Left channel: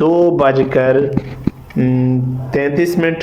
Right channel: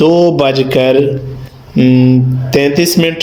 2:33.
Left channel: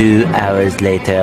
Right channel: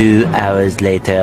Two hours later.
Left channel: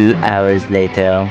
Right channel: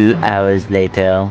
2 hours later.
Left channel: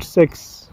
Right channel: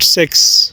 6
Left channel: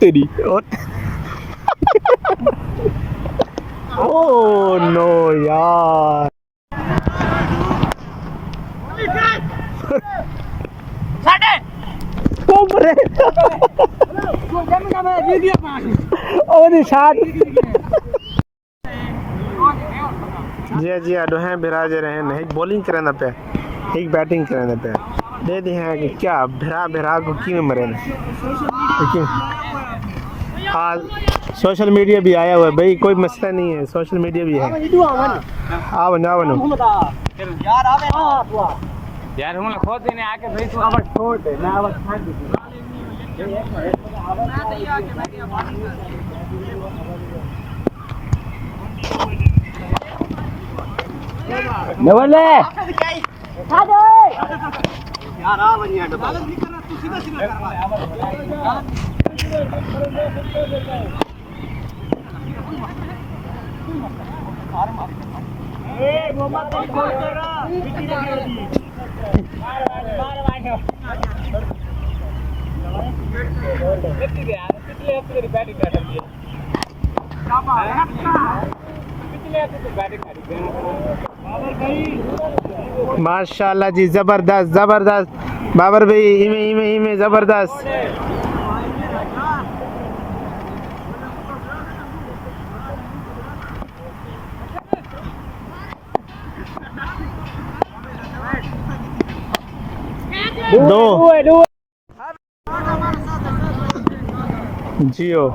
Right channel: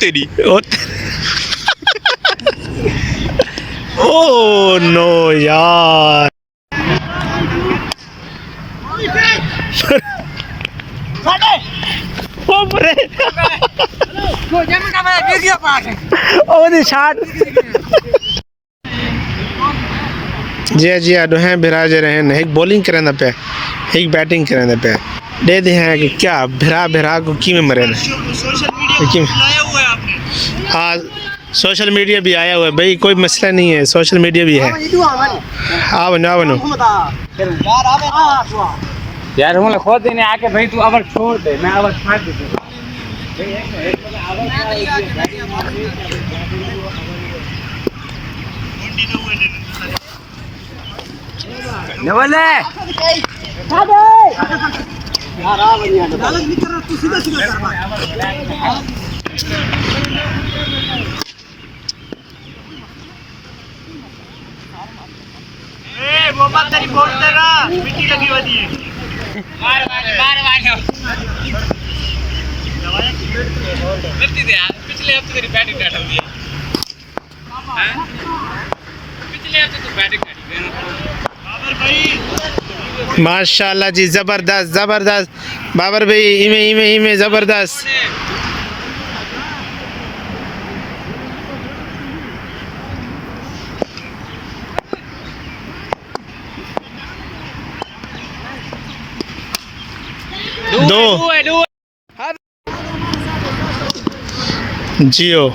तेरी oh no यार, ओ बरे जी हैं बिराज रहे हैं एक बॉलिंग करने पे एक बैटिंग करने पे दे दे हैं कि क्या भिरा को की में मरे हाँ सोशल मीडिया भी आया हुआ है भाई, कोई मसला नहीं है, सोशल मीडिया भी है। आ बनो यार हूँ खोद देने आके भाई तू अवर छोड़ दे, मैं अवर फाड़ दे नवले मोहम्मद तेरी बोल देगा मिट्टी लगी हुई है मार मिट्टी दे यार, पिछले हफ्ते तेरी बैटिंग डाल दी पिछले हफ्ते तू बैटिंग काटी बाबर भाई माशाल्लाह जी, जबरदस्त जबरदस्त बाबर भाई, इमे जबरदस्त। दो जियो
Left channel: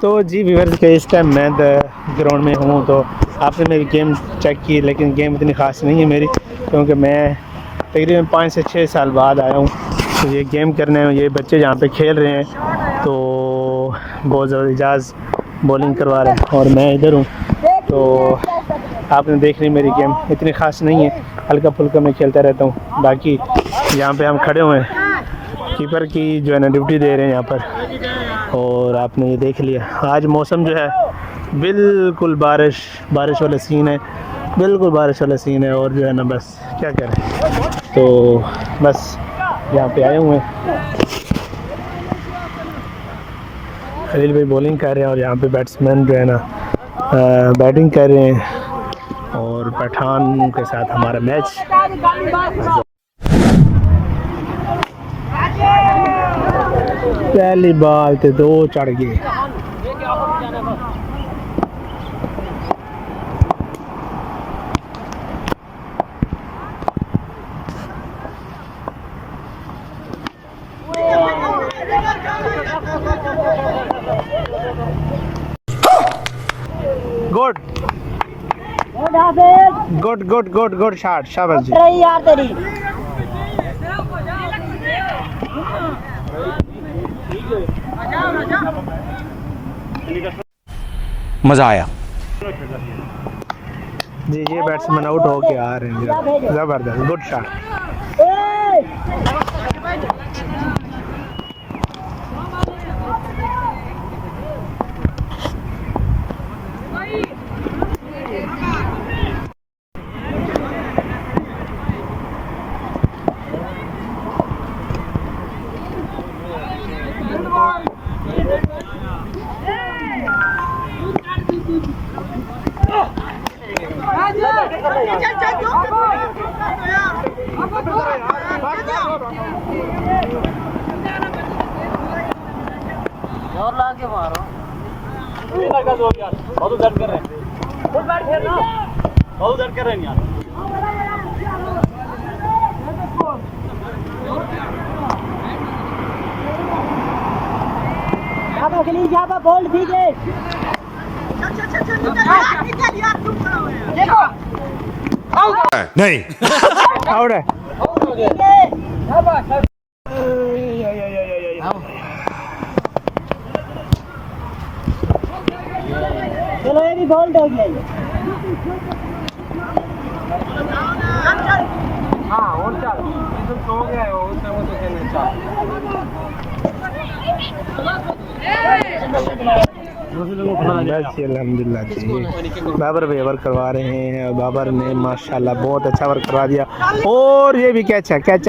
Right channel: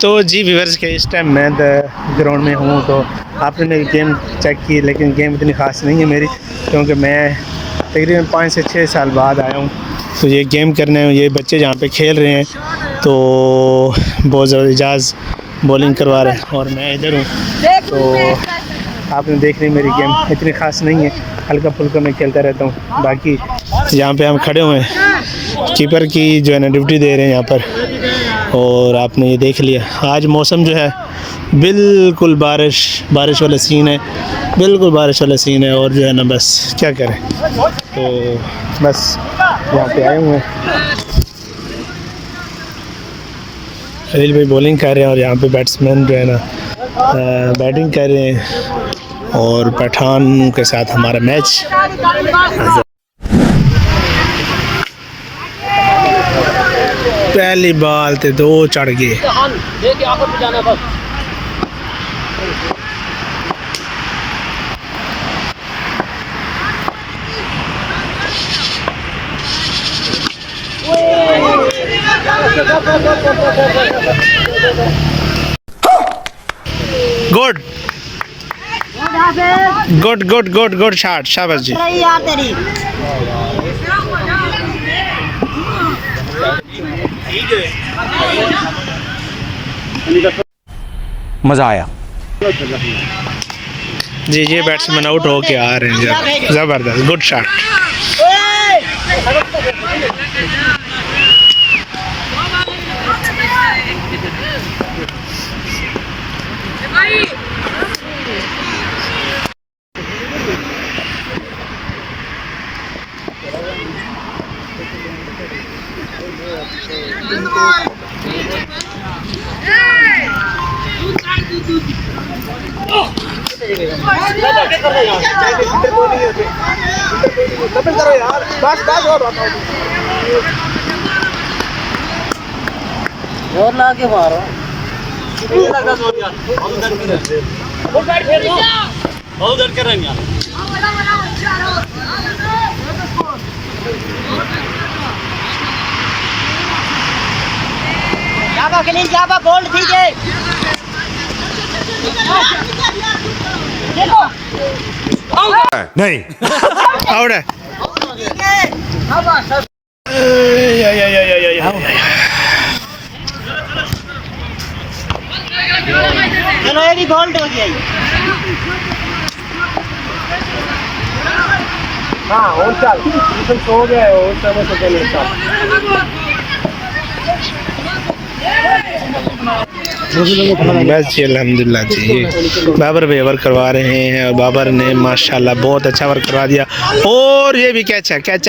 तो जी व्यूअर्स के इस टाइम मैं ग्राउंड में हूँ, तो आपने मेरी गेम चेक की, लेकिन गेम इतनी ख़ास नहीं है मेरी, क्योंकि मैं तकरीबन 5 से 6 साल बाद आया हूँ। तो ये गेम करने में ये बच्चे जहाँ पे खेल रहे हैं तो बहुत ज़्यादा एजाज बॉलिंग करवा रहे हैं और मैं इधर हूँ। तो आपने देख ली मेरी गेम इतनी ख़ास नहीं है, हल्का फुल्का मैं खेलता रहता हूँ। बाकी यहाँ पे हम खड़े हुए हैं, कीपर की जो है ना ड्यूटी दे रहे हैं यहाँ पर, और आपने ये देख लिया आज मौसम जो है बिल्कुल बारिश वाला सीन है, बिल्कुल बारिश वाला सीन है। और जो है ना बस क्या करें, तो बस यहाँ पे आए हुए हैं। खलील भाई बॉलिंग कर रहे हैं और यहाँ पे बैट्समैन जो है ना बैटिंग कर रहे हैं, और पठान के साथ हमारा मैच। पहली बाल ते 2 चढ़ गए। गुड शॉट, शाबाश जी। मजा आया जी ये बैट्समैन आउट हो के आ रहे हैं, जबरदस्त गुड शॉट। जोर ला के मारो, लगा जोर यार, बहुत दर्द कर रहे हैं, बहुत दर्द कर रहे हैं यार। जाबा खलील जाबा बोल्ड कीजिए, देखो नहीं आउट है। चलो ये भी बोल्ड हो गया। हाँ और चल सो गया और समय से चले बस जी अल्हम्दुलिल्लाह जी। बाबर भाई ओवर करवा रहे हैं और बाबर ने माशाल्लाह बहुत अच्छा ओवर करवा दिया। और ये भी कैच है, कैच।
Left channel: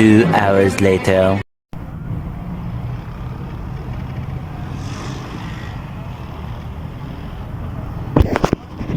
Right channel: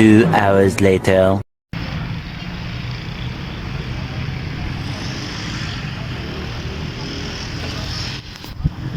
2 hours later.